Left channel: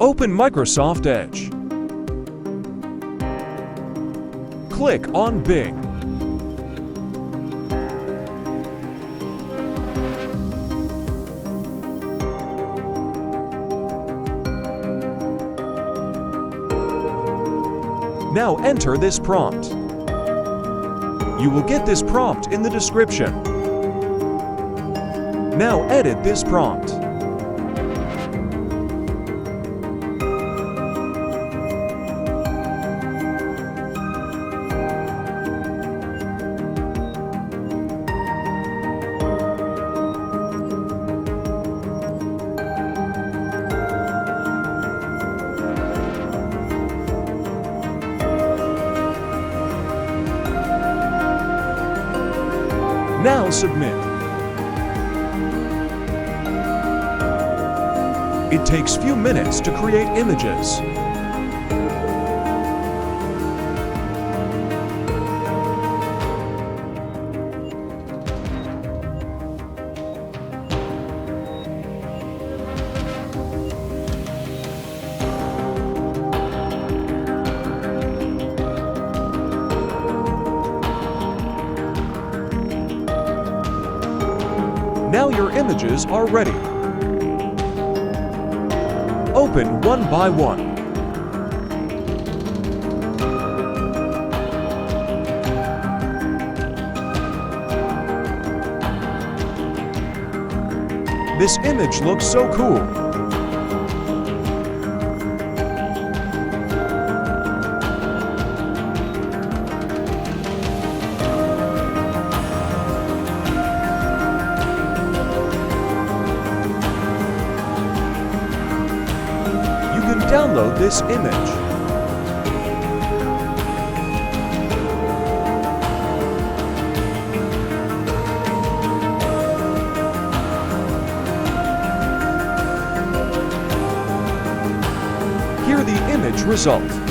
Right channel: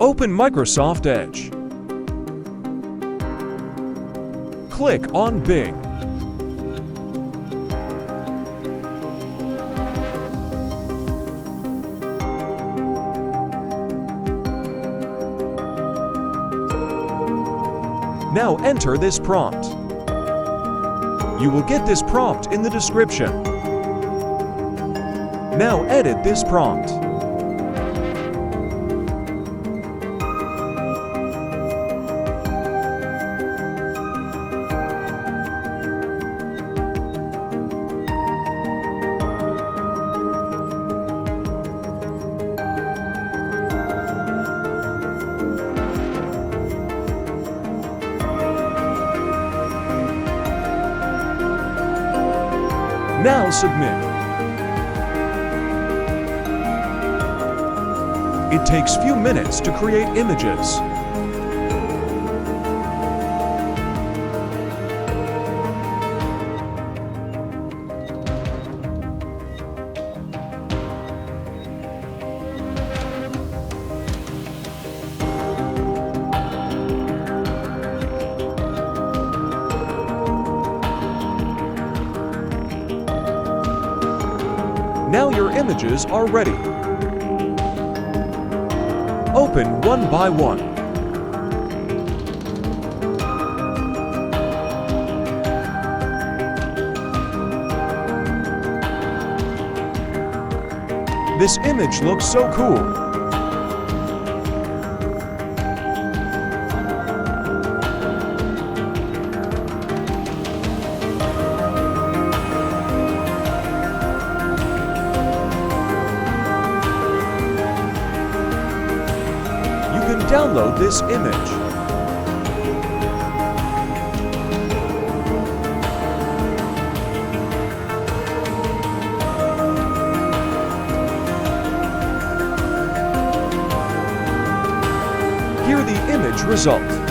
Open Microsoft Edge. Click on Bing. Now enter this prompt. You will get this prompt in the description. Now edit this prompt. Now submit. It takes few minutes to create images. Now your images are ready. Open one by one. This image looks so cool. You can download this image. Here the image result.